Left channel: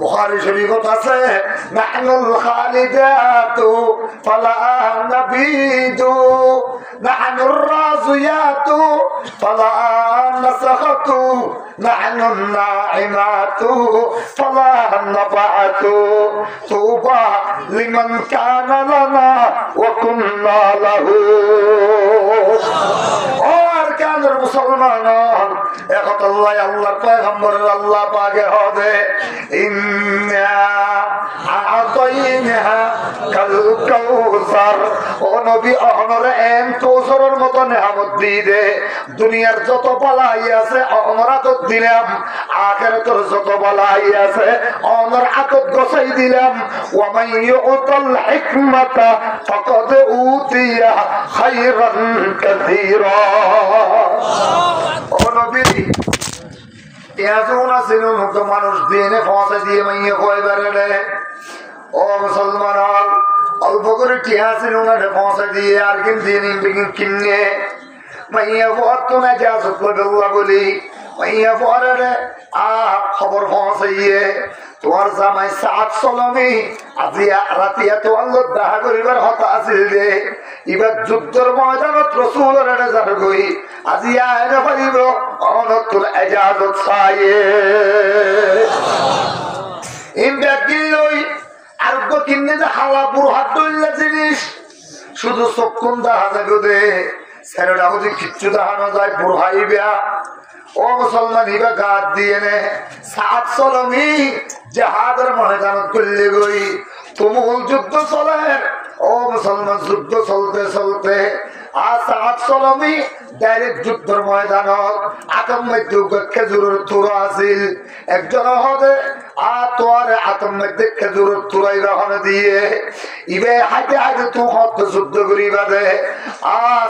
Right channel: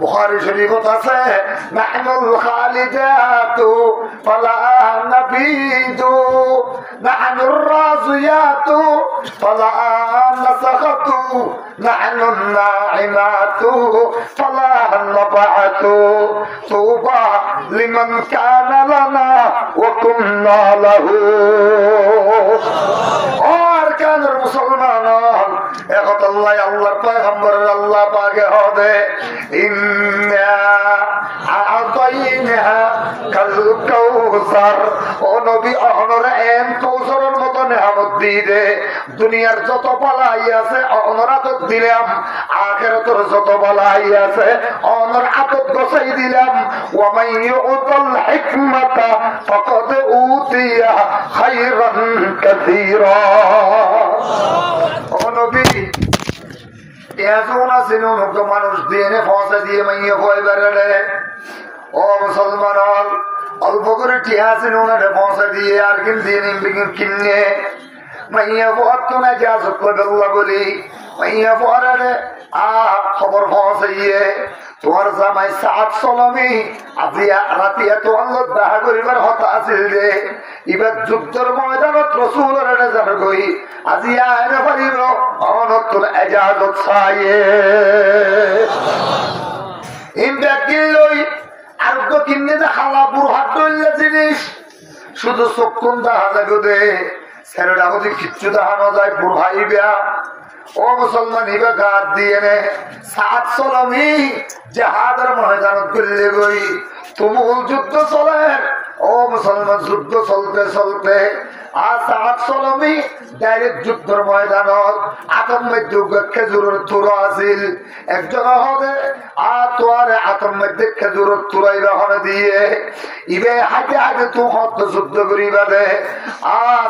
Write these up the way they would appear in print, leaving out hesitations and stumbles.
বুখারী শরীফত আছে নাহনুল খালিদাতু ফালা নাবিদু নাহনুর রাজিয়াতু ফালা নাসাখাতু নাহনুন নাইমাতু ফালা নাবাতু তুবা লিমান কানা লানা ওয়া কুননা লাহু। ও আরকানের মুসলমান, এখন আল্লাহ আল্লাহর পয়গম্বরের আল্লাহ পাকে হবে ইন্না আ'তাইনা কাল কাউসার। ও নবী অহনরে এম কৌসরের মতো নেয়ামত দিয়ে দুনিয়ার যত বালাই আছে অহনর আতত দিলাম, আখিরাতের যত বালাই আছে অহনর আতত গছাই দিলাম। ওয়া মান ইউতাল হিকমাতা ফাকাদ উতিয়া খায়রান কাসীরা। ও নবী মানুষ দিয়ে ফসা দিয়ে মাইয়া খোয়াই বেড়ে। ও মুসলমান, অল্প করে টিয়া ছিল ওনারে ফসা দিয়ে আর কিনে মাইয়া ফত না যা সত্য বলি মাইয়া পরে খবর ফসাইয়ে তোমার জামাই সাত চলমি আজি রাতি এত আল্লাহ দেখা করিবার হতা আছিল যে এবার যুদ্ধের ময়দানত রসুলের যার গই আজি আয়না পারিব অনতুল এজাজত চাইয়ে লই আরোগ্য কিনে খালা বুড়হাট ডইলা জিনিস শুধু চক্ষুন দেখা যাবে দে ছেলেটা যদি কিচ্ছু দেখানো যায় বুড়হাই বেয়া। ও মুসলমান ইবা গাত দিয়ে নে সাত চলমি জাহাদের ময়দানত করলে গই তুমুল যুদ্ধ চলে। ও মুসলমান যুদ্ধ চলতে চলতে সাত চলমি ডাইরেক্ট যুদ্ধের ময়দানত আতম মধ্যে খেজুরের তুর আছিল একজন হদে তোয়ারে আতম মধ্যে খেজুরের তুরাই রহনে দিয়ে ইবে হাইতে হাইতে তু হত যুদ্ধ করিবা দে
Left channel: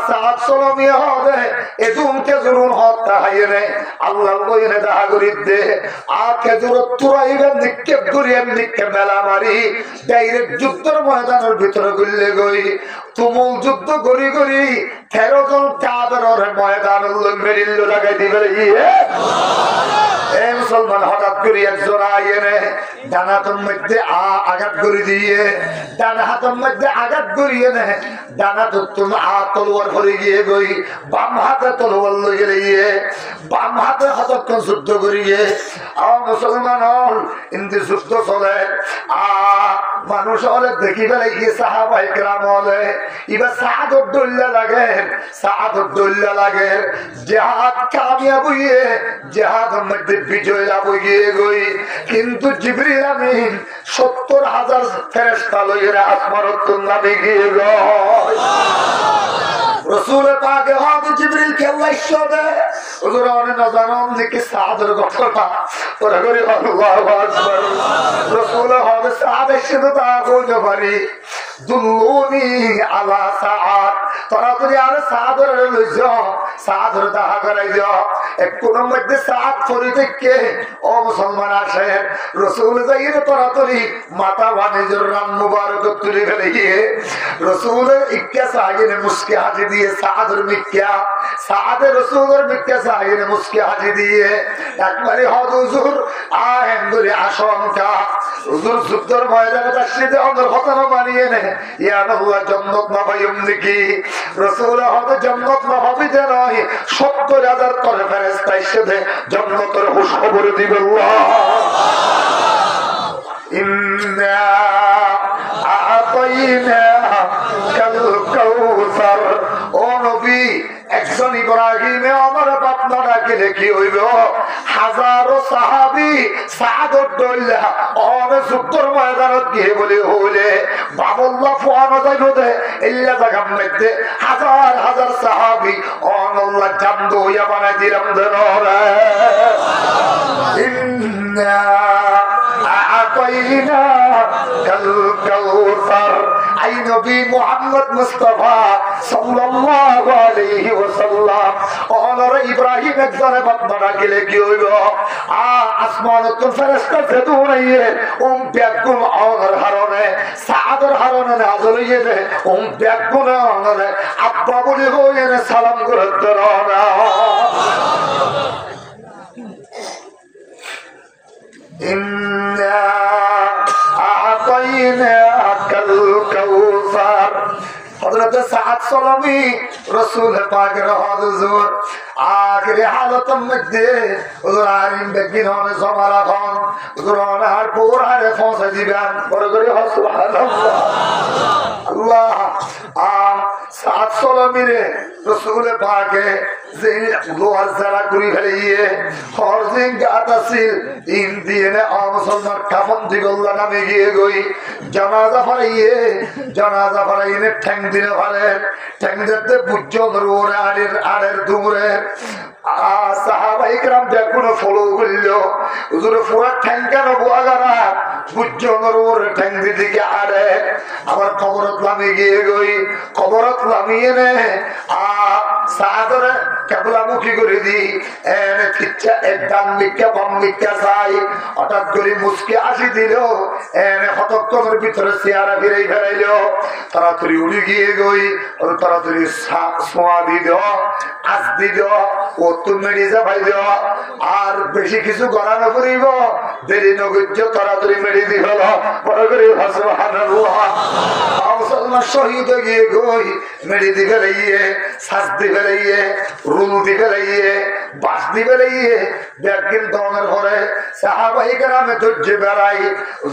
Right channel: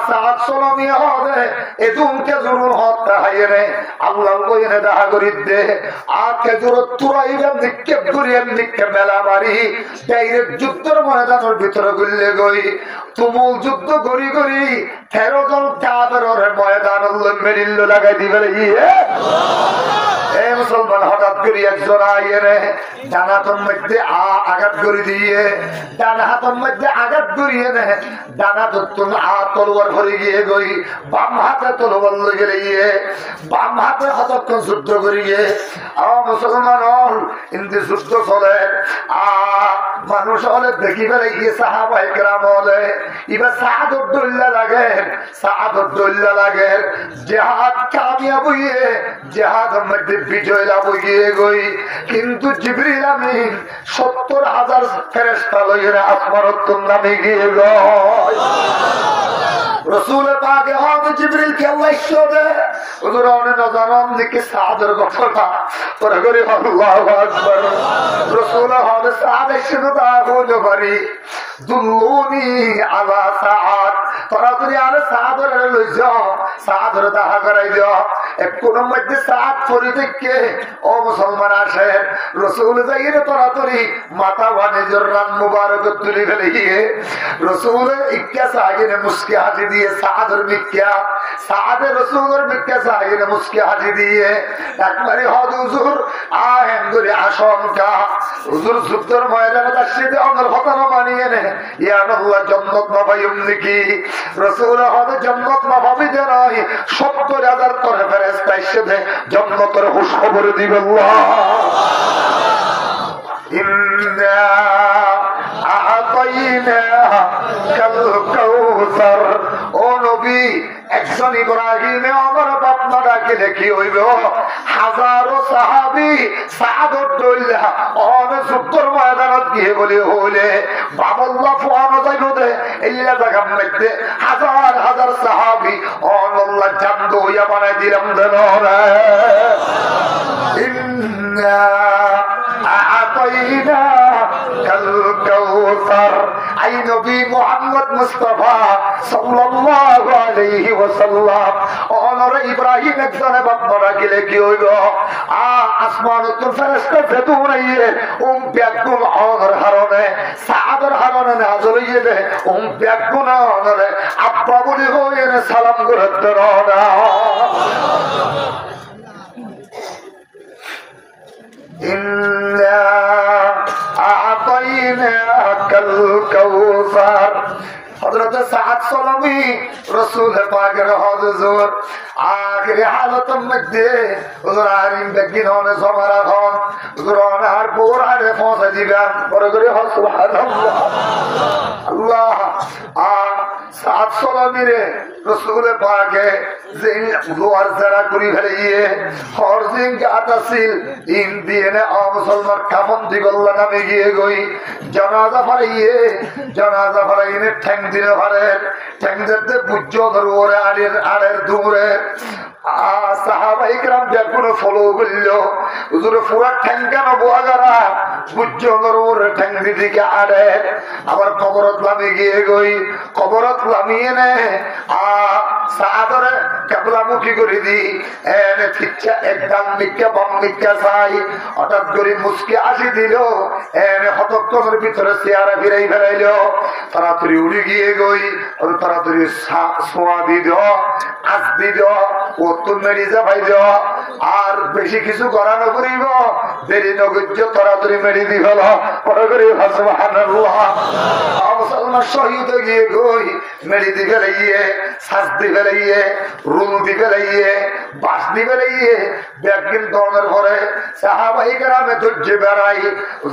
সাত চলমি হদে এদুম খেজুরুন হত্যা হাইয়ে নে আল্লাহ কইনে দেখা করি দে খেজুরের তুরাইবে নিক্ষেপ করিয়ে নিক্ষেপ মেলা মারি ডাইরেক্ট যুদ্ধের ময়দানের ভিতরে গুললে গই তুমুল যুদ্ধ করি করি 13 জন কাফেরের ময়দান মেরিল্ল লাগাই দিবে। এই মুসলমান হঠাৎ করে একজন আইনে ডান হাতের মধ্যে আঘাত করে দিয়ে ডান হাতের মধ্যে আঘাত করিয়ে নে ডান হাতের তলোয়ার ভরে গিয়ে গই বাম হাতে তলোয়ার লইয়ে গিয়ে বাম হাতে হতক্ষণ যুদ্ধ করিয়ে মুসলমান হল ইন্দি যুদ্ধ চলে মানুষ হলে দেখি ফেলে গিয়ে সাহাবাই কেরাম হলে এবার সাহাদত দল্লা লাগে সাহাদত দল্লা লাগে জেহাদ কামিয়াব হইয়ে জেহাদের মধ্যে বিজয় লাভ হইয়ে গই কিন্তু জিবরিল আমিন 70,000 ফেরেশতা লইয়া আসমানত নামে গিয়ে গয়। রসুল পাকে হয়তো জিবরিল কে আল্লাহ ইশারা ওদের অনেক নজানম দিকে সাদের ঘটনা পরে করে আল্লাহু আকবার রসুল হবে সাদের শুধু তা বলতে পারি দুল্লুনি আলা সাআত তোরা তুই আর সাদর লই যাও সাদর দেখা করাই যাও কোন মধ্যে সাত পরি থেকে ও মুসলমান আসে রসুল যাইয়ে তোরা তুই মাথা বানিজর রান মুবারক তুলি ফেলে গিয়ে রসুল ইক্কা সাইনে মুস্কি হাজি দিয়ে সাদর মিক্কা সাদে রসুলের মিক্কা সাইনে মুস্কি হাজি দিয়ে একবারে হুজুর আহেন ধরে আশঙ্কা হুজুর যুদ্ধের ময়দানে তাসিদে অন্দর ঘটনা বানিয়ে নে ইয়া আল্লাহ জান্নাত না পাইম নাকি রসুল হবে জান্নাত না পাবি যে নয় 70,000 করে ফেরেশতা এসে জান্নাতের খুশখবর দিবে আল্লাহ। ইন্না আ'তাইনা কাল কাউসার। ও নবী একজন ইব্রাহিমে আমার বাপনা ডাকিলে কি হইব হাজারো সাহাবি সাদত দইলা অন যুদ্ধের ময়দানত গিয়ে বলে হইলে বাবুল্লাহ ফুয়ানো যাইব দে ইল্লা জায়গার মধ্যে হাজার হাজার সাহাবি অনল্লাহ জান্দ হইয়া বানাই দিলাম দেন রে। ইন্না আ'তাইনা কাল কাউসার। আই নবী মুহাম্মদ মুস্তাফা সাল্লাল্লাহু আলাইহি ওয়াসাল্লাম অনরে ইব্রাহিম একজনে বাপনা ডাকিলে কি হইব আসমানত ফেরেশতা ফেতু নাইয়ে ব্যাকুম অনর হারনে সাদর হারনে নাজল হইয়ে দে ব্যাকুম অনরে আব্বা বলি হইয়ে সালাম করে দরনা। ইন্না আ'তাইনাকাল কাউসার। হযরত সাদ সালামি রাসূল পাকের হুজুর আখিরি হালতের মধ্যে হুজুর আরিম বেগিননে সমারা খান হুজুর আর পুরারে পৌঁছে দিবেন। বড় করে সুবহানাল্লাহ। আল্লাহ সাদ সালামিরে রাসূল পাকে যে দুয়ার যারা করি ফেলিয়ে হরজিন গাতাসিল ইন দিয়ে মুসলমান কাফন দিগল্লা নামে গিয়ে গই জানাজা ফারাইয়ে ঠ্যাং দিলে পারে ঠ্যাং দিতে বুঝ্য ধরুরে আড়ের দূরে সাহাবাই کرام দেখুন ফলো করল হুজুর পুরা ঠ্যাং কেন বোয়াগারা বুঝ্য ধরুরে ঠ্যাং দিকে আড়ে আবার কবরত লামি গিয়ে গই কবরত লামিয়ে নে সাদরে কেবলামুখী করে দি এনে ঠিকছে একদম মিক্কা বাম মিক্কা চাই হঠাৎ করে মুসকে আসি দিল এনে হতক্ষণের ভিতরে চেয়ারা ফিরাই ফেরাইল তাড়াতাড়ি উড়ি গিয়ে গই ওর তাড়াতাড়ি সোয়া দিল আজ দিল ও তুম মেরি যাবাই দিল আর বেশি কিছু করানো করিব দেরি নগর্য তাড়াতাড়ি মেরি দি হল বড় করে সুবহানাল্লাহ। মুসলমান শহীদ গিয়ে গই মেরি দি ফেলাইয়ে শ্বাস দি ফেলাইয়ে রুল দি ফেলাইয়ে বাস দি ফেলাইয়ে ব্যাগিন দমের পরে সাহাবাই কেরামে ধৈর্য বেড়াই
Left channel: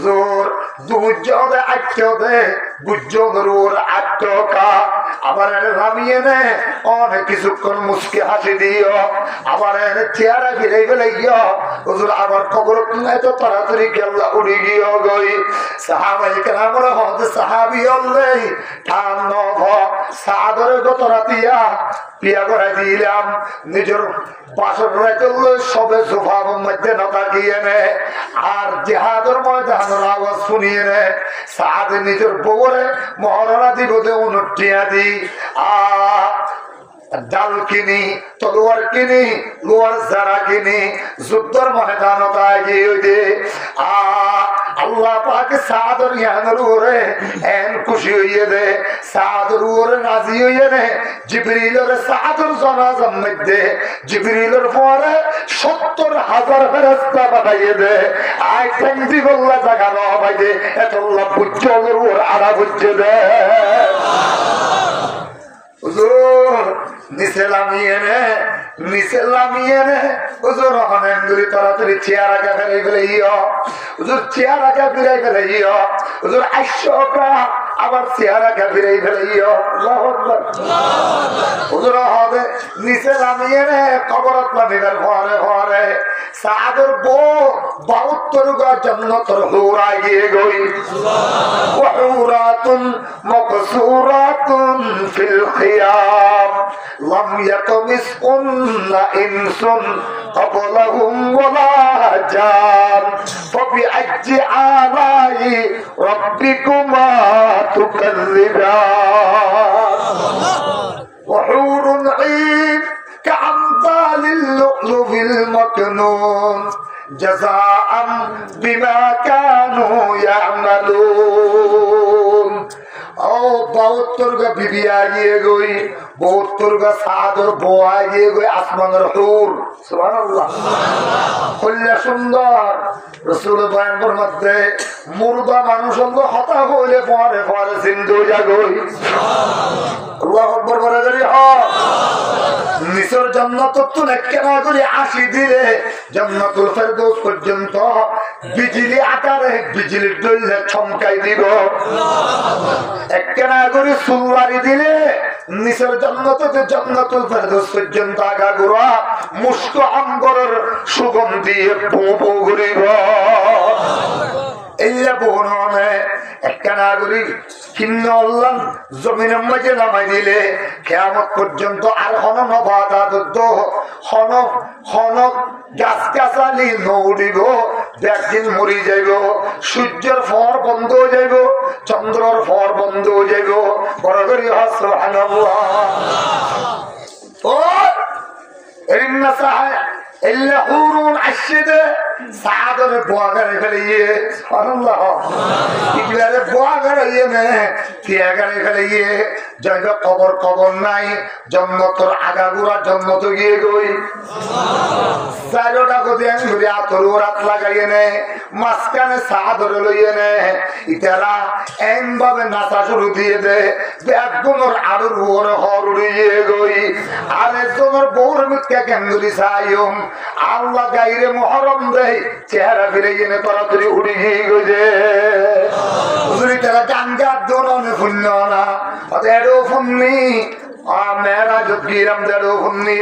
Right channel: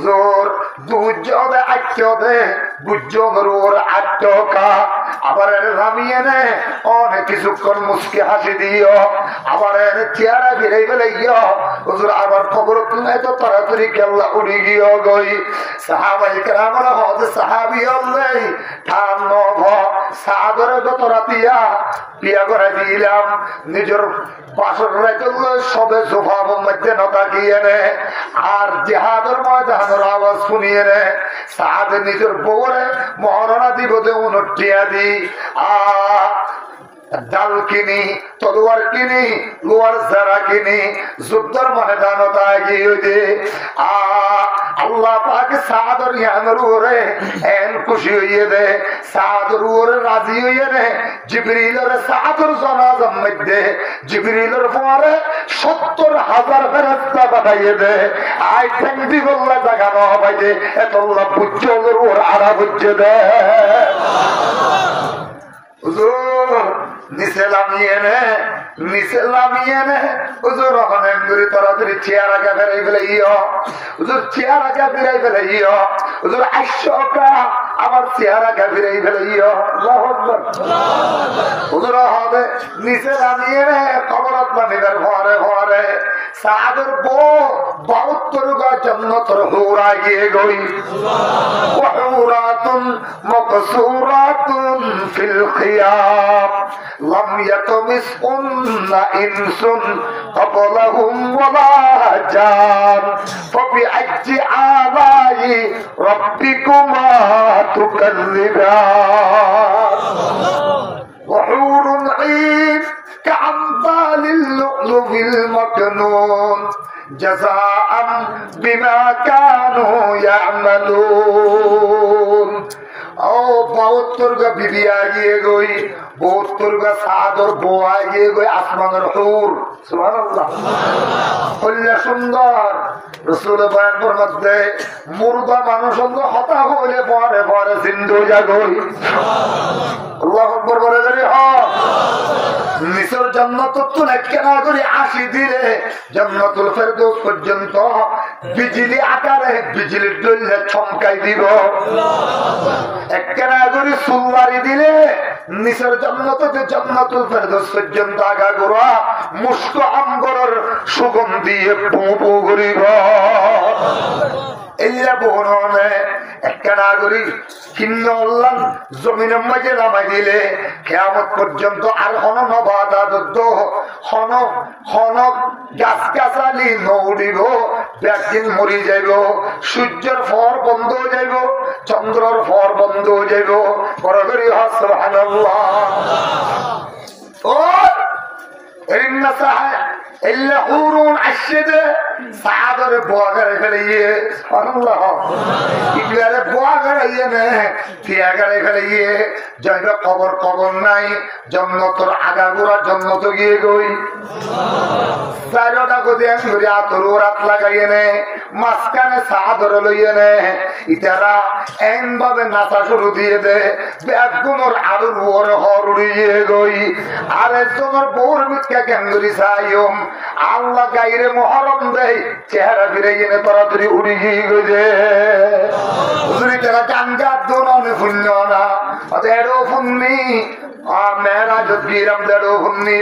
জোর দুজনে আটকে বুঝর ওর আটকা আবার নামিয়ে নে অনেক কিছুক্ষণ মুসকে হাসি দিও আবার চেয়ারা ফিরাই ফেলাইয়া হুজুর আবার খবর তুলে তো তাড়াতাড়ি কেল্লা উড়ি গিয়ে গই সাহাবাই কেরামরা হতে সাহাবি অল্লাই ঠান নভ সাদরে গত রাতিয়া পিয়া করে দিলাম নিজের বাসর রাইতুল সবে সোফার মধ্যে নতা গিয়ে নে আর জিহাদের ময়দানের আওয়াজ শুনিয়ে নে সাদ নিজের বউরে মহারণা দিব দে উনটিয়া দি ডাল কিনি তলোয়ার কিনি লোয়ার যারা কিনি যুদ্ধের ময়দানতা গিয়ে দে আল্লাহ পাকে সাদর ইয়ানের ওরে এন খুশি হইয়ে দে সাদর ওরে রাজি হইয়ে নে জিবরিলের সাদর জানাজার মধ্যে জিবরিলের পরে ৭০,০০০ ফেরেশতা পাঠাইয়ে দে আই ঠ্যাং দিগল্লা জায়গা ন পাই দে এতল্লা বুঝ্জর ওর আড়া বুঝ্জে দে হুজুর নিচে লামিয়ে নে হুজুর অনেক দূরে তাড়াতাড়ি চেয়ার আগে ফেরাই ফেলাইও হুজুর চেয়ার আগে ফিরাই ফেলাইও হুজুর ৮০০ আবার চেয়ার আগে ফিরাই ফেলাইও হুজুর হবে নিচে নামিয়ে নে কবরত নামিবার ঘরে সাদর বউ ৭২ গা জান্নাতের হুরা গিয়ে গই ওয়াহুরাতুন মাকসুরাতুন ফিল খিয়াম লাম ইয়াতমিসুন্না ইনসুন ক্বাবলাহুম ওয়ালা জান ফাবিআইয়ি আলাই রাব্বিকুমা তুকাযযিবান وحور عين كأمثال اللؤلؤ المكنون جزاء بما كانوا يعملون ও ৭২ গা বিবি আগিয়ে গই ৭২ গা সাদর বউ আগিয়ে গই আসমানের হুর সুবহানাল্লাহ কল্যা সুন্দর রাসূল বয়ানের মধ্যে মুর্দা মানুষ হতা হইলে পরে জিন্দু জাগই আল্লাহু আকবার বলে ধরি নিসর জান্নাত তো কেনা করে ৮০ দিলে জান্নাতুল ফেরদৌস পর্যন্ত বিজলি আকারে বিজলির দইলে চমকাই দিব একখানা করে সুলবাড়ি দিলে নিচের জান্নাতুল ফেরদৌস পর্যন্ত আগা গোড়া মুস্ত আম্বরের সুগন্ধি পো ঘুরিব এইরা বহনে একখানা করে কিন্ন আল্লাহ জমিনের মাঝে নামাই দিলে কিয়ামত পর্যন্ত আর হন নবাদাদুদ্দ হন গাছ-গাছালি নৌড়িব একদিন মরি যাইব সূর্যের ফর বন্ধ হয়ে যাইব চন্দ্রের ফর বন্ধ হয়ে যাইব বড় করে সুবহানাল্লাহ ও ইন্না সাহা ইল্লা হুরুন আশিদে সাদরে বোয়া করে ফেলিয়ে ইগলারে বোয়া করাইয়ে নে তিয়া করে ফেলিয়ে জায়গা কবর নাই জন্মতর আগাগোড়া জন্মত গিয়ে গই চারোটা কোথায় আমি ধরে আতর রাত লাগাইয়ে নে মাঝখানে সাদরে লইয়ে নে ইতারা এন ভাবে নাচা শুরু দিয়ে দে একজনের আরো হর উড়িয়ে গই আর একজনের বউর মিথ্যা ক্যাঙ্গুরি চাইম আল্লাহ গাইরে মহরম দেয় চেহারা ফিরে গিয়ে তাড়াতাড়ি উড়ি গিয়ে গই যে তারা গান গাত দোনে শূন্য না এরও ফুন্নি মেয়েরা যদি দেড়ও ফুন্নি